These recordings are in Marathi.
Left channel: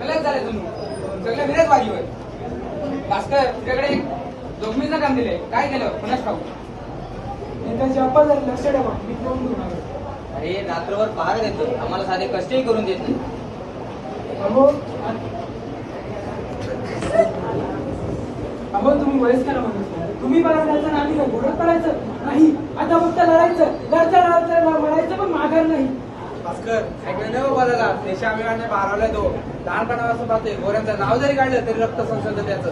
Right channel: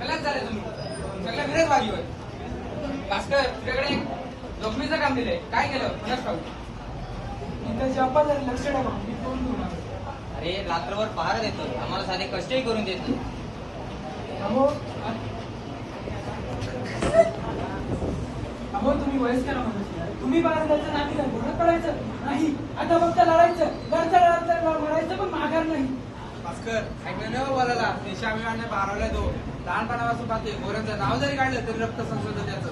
गलत झाले तुम्ही. सगळं विरोधवादी होय. भास्कर तुझ्याकडे जोखमीचं काम दिलंय. काय केलं? पुन्हा लक्ष ठेवा. मी होणार अरे रात्रभर पहार देतोय आम्हाला साधे कष्टही करून देत नाही. अहो अहो तुम्ही वयस्कर माणूस आहे. तुम्ही मला जायचं ना आम्ही काय घोडत पडायचं नाही. आता फक्त लढायचं. लढतं लढतं लढायचं पण माघार नाही. भास्कर ऐकलं नाही बाबाला देशाभिमानाने बारावला तो. लहानपणापासून पाहतोय गोऱ्यांचं नाव जरी काढलं तरी रक्त संसद त्याचं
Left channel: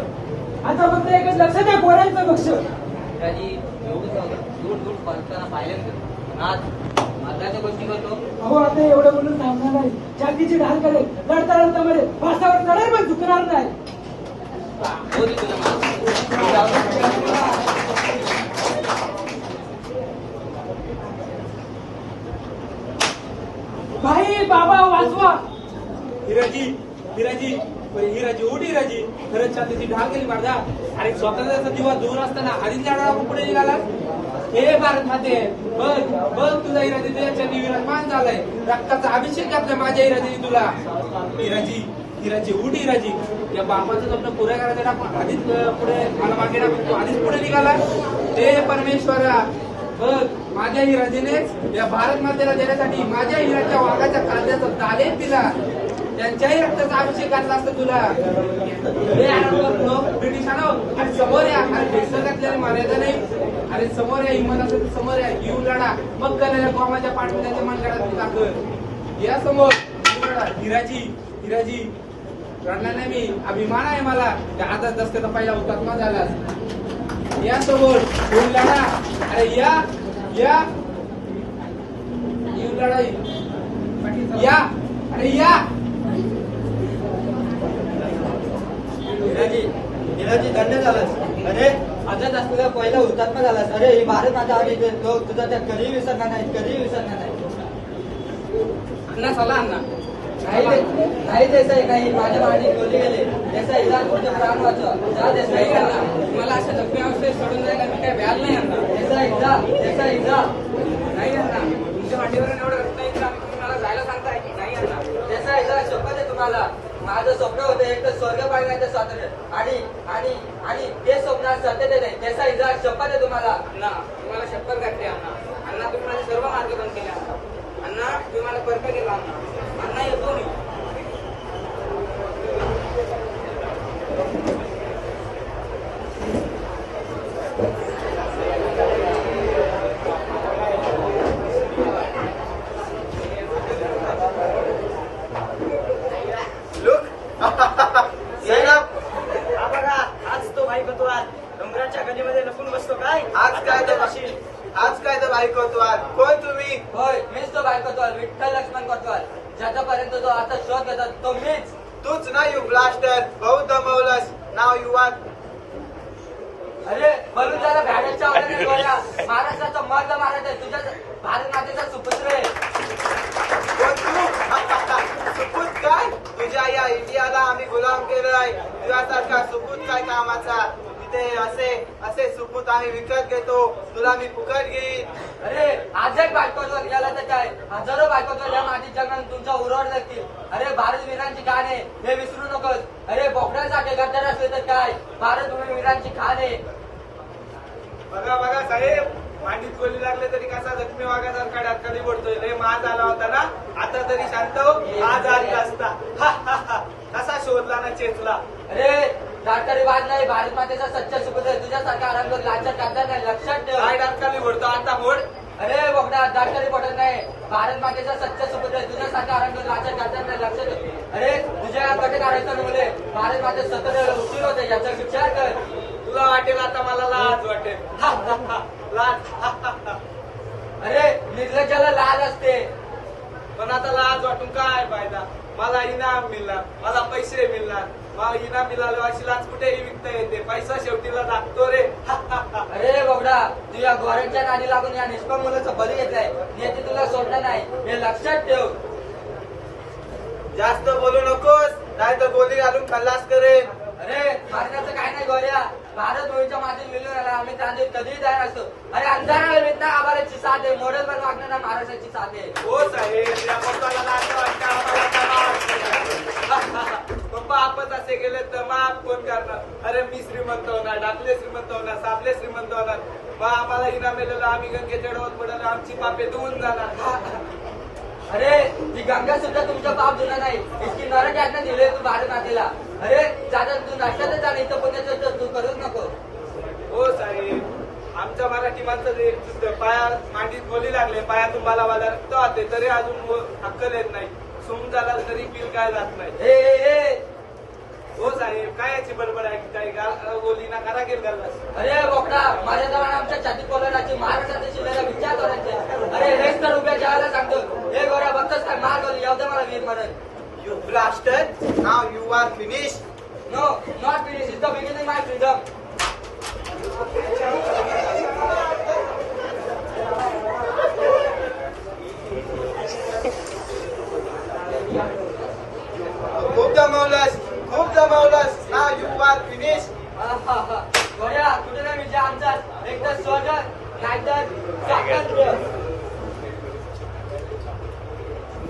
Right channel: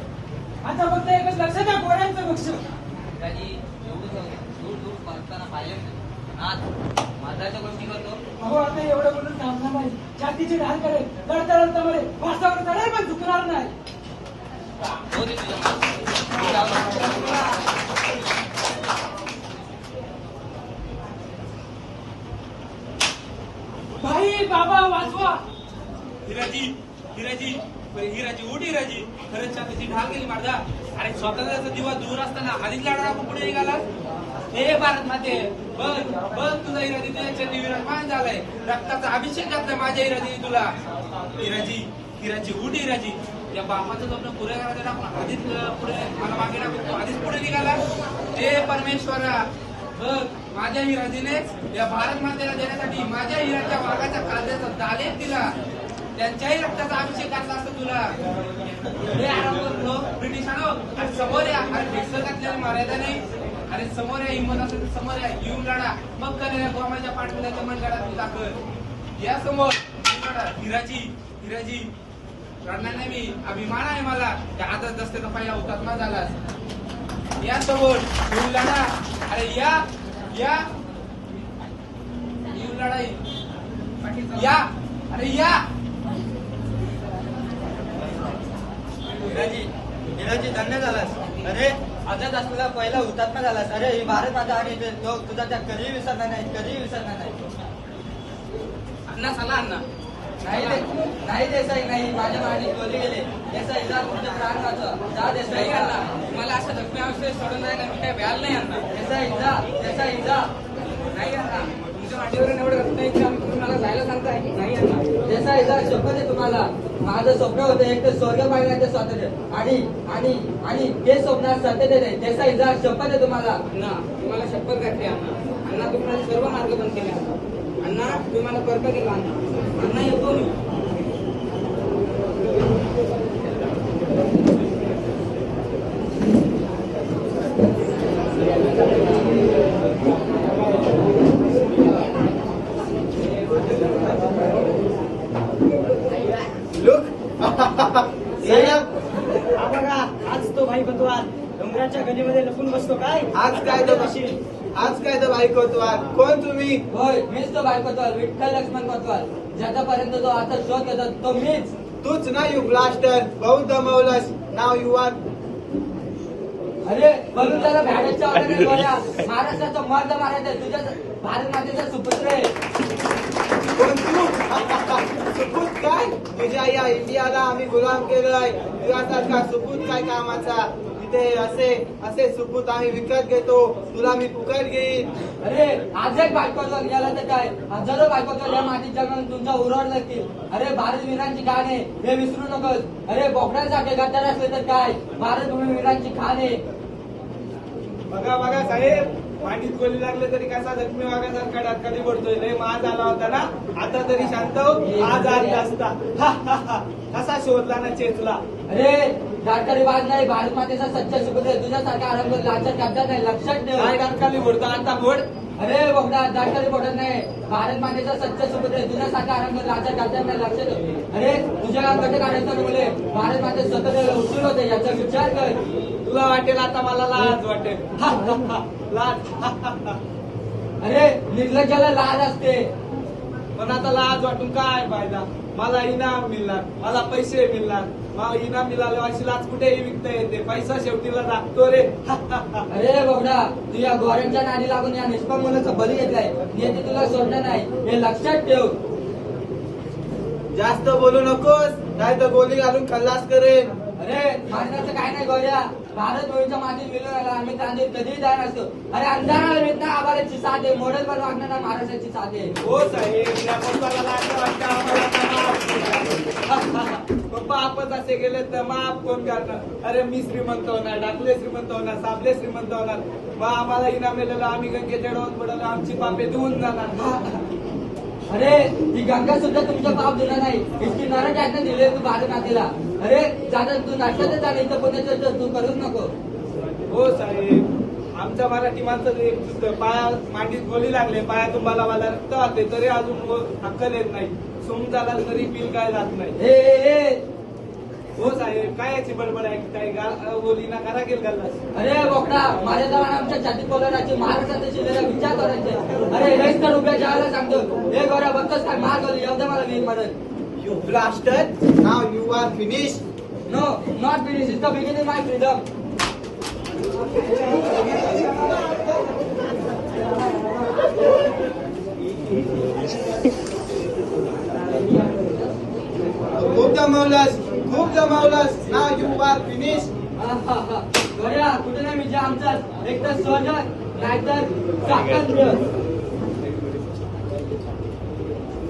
आता फक्त एकच लक्ष द्या लक्ष. पिताजी एवढं दूर दूर पळताना पाहिलं मी आज माझ्या गोष्टी करतो. अहो आता एवढं बोलून थांबणार नाही. जातीची ढाल करेल लढता लढता मध्ये भाषावर चढेल पण चुकणार नाही हो दे तुझं नाव. भाई बाबा वाचवा हिराजी हिराजी हिराजी उठ हिराजी खरंच छातीची ढाल केली माझा अरे स्वातंत्र्याचा दिवस दूर असताना आधीच लढा पुढे निघाला? हे भारत माते. बघ बघ तुझा हिराजी तुझ्या विराजमान झालाय. रक्ताचा अभिषेक करतोय माझ्या हिराजीने तुला. हिराजी हिराजी उठ हिराजी या बापाचं स्वप्न पुऱ्या करायचं आपण आधीच पुढे मला मागे टाकून तू आधीच पुढे निघाला. हे परमेश्वरा बघ माझ्या हिराजीने या भारत मातेला देण्यासाठी माझ्या हिराच्या वाघाच्या कांद्याचा दालेच दिला. त्यांच्याही रक्ताचा अभिषेक आणला असता तुला. हे आरामवर ब्रिटिशांनो. समोर या अरे भेटला मारायचा नाही. अरे समोर या इमान असेल समोर या जीव लढा. मग करे बॉम्बाच्या मन लढा दाखल या समोर. हिराजी हिराजी रडणार नाही मी. अभिमान आहे मला. त्या हातात रस्त्याचा पहिला ना झाला. या समोर लढा. अरे या या. लढाई. या. अरे या. झालास. अरे माझ्या तुझा पहिला हुतात्मा झालास. अरे ही भारत माता आणि तो तुझा त्या कधीही विसरणार नाही कधी विसरणार नाही. अण्णा चला अण्णा. नाही देसाई नाही. माझ्या वाणी बोलली गेले. देसाई जा तुझ्या प्राण वाचवा जा देसाई अण्णा मला असं सोडून जायला मी काय व्याल नाही अण्णा याचा एकदा याचा एकदा. नाही अण्णा तुमच्या वाटीवर एवढं रक्त आहे तुम्ही मला जायला सांगताय नाही अण्णा याचा एकदा शब्द आहे तुम्हाला. माझं स्वप्न होतं एक तर स्वर्ग पाहिल्याचं स्वातंत्र्य. आणि आणि आणि ते स्वप्न सत्य नाही. त्याचा जा शपथ आहे तुम्हाला. ना तुम्हाला शपथ करते अण्णा अण्णा तुम्हाला सर्व मार्गदर्शन केले अण्णा अण्णा तुम्ही मला परफेक्ट येतो अण्णा अण्णा येतो मी. आज तो भाई बनतो आज डोंगराच्या गलीमध्ये लपून बसतो काय आज काय तर आज काय तर भाई करतो आज कोण तुम्ही होय मीच तो भाई करतो विठ्ठल लक्ष्मण करतो ज्याच्यापर्यंत तो आता शोध करतात तो मीच तूच ना यू ब्लास्टर बहुत दमवलंस नाव यू अरे म्हणून त्याला भारतच्या ऑर्डर बऱ्या महाराष्ट्राचा मर्द महाराज आज तुझ्या सुपुत्र आहे सुपूत काय? तुझ्या या इंडियाला आम्ही गुलाम केलाय तुझ्यासारखा सुपूत काय कामाचा? असे असे सुपूत आम्ही विकत घेतो. तुला मी फुकट घेईन. अरे आजच बायकोचा गेला तर काय? हजारो बायकोचा या मातीच्या म्हणून तुमच्या उरवड नसतील. अरे भारत वीरांची खाण आहे. हे विसरू नकोस. अरे बोकड्यासाठी गतर काय? भारत वीरांची खाण आहे. बघा बघा साहेब. माझी गोली लागले तरी कसा जखमी वागायसारखा डाक्टरी पडतोय. रे माज आला होता ना? आता तरी शांत. आज आज असता. असा शोधला ना चेतला. अरे गाडकरी बाद नाही मातेचा सत्य सुबत आहे. रंग लागतात जातात नाही लक्षात ठेव. काय डाक्टरी पडतो? आता मोड अरे बघा दाखल पडत नाही. भारत मातेचं सत्य सुबत तुझ्या सारखा आनंद लाचा करतात नाही लक्षात ठेव. अरे तुझ्या अंगाचे काढायचं मुले भारत माते सतत उशीर होते. याचा विचार कर. तुला वाटेल आता मला लाज वाटेल. लाज. अरे निर्लज्जाला लाज असते. पण आता लाज वाटून काय फायदा? मला इनाम मिळणार मला पैसे मिळणार. मला इनाम मिळालं अशी लाज कुठेही विकता येते. पैसा शेवटीला लागतो रे. अरे बाबडा तुझ्या गोऱ्यांच्या नादी लागून या निष्पन्न बली घेत आहे नेते तुला सोडणार नाही. हे लक्षात ठेव. जास्त बोलू नकोस नाही तर गोली घालून खल्लास करेल अरे मार्गाचं काय नाही गोळ्या. भारत दोन्हीच्या माझी जुने आला आम्ही त्याने कधी जाणार असतो अरे अंधाराला भेटणार आम्हालाची साथ आहे. मॉडेल पण वाटणार महाराजांची साथ आहे. हो पप्पा आपण असे गेले तर माफ कोण करणार? अरे मी श्रीमंत होणार डाकले श्रीमंत होणार साबले श्रीमंत होणार. बा आम्हाला इनाम मिळालं आम्ही गंगेकडे पडलं आमची पापे धुवून जाणार. अरे ही गंगा सुद्धा तुमचं पाव दिलं नाही. इतकी गरज आहे ना जुळे तू भारत मातेला अरे त्याचा तू नाश्त्याचं चाल इथं पोते तू करू नको. हो साहेब. आमच्या मराठी माणसं पाया मातीत बोली लागले पाया तुम्हाला मला रक्त आणले तरी अजून अक्कल येत नाही. समुद्राला तरी बिल काय जात नाही. हो साहेब काय याची बडबड आहे? काही गा- बोली ना करा केलं घालत अरे बोकडा माझ्या नावाने आमच्या छाती कोणाची महाराष्ट्राच्या शिवायला विचार करायचे. अरे वेळ तर रुपये ठेवायला सांगतो हे गोऱ्या बंदच कर मार गोरी येऊ दे मला You bastard! Now you are finished. No not this is the beginning my freedom खूप जमवलंस खूप जबरदस्त हा युवा दिनेश. finished. गोऱ्या कुठे मी आमचा? एक तर नाहीतर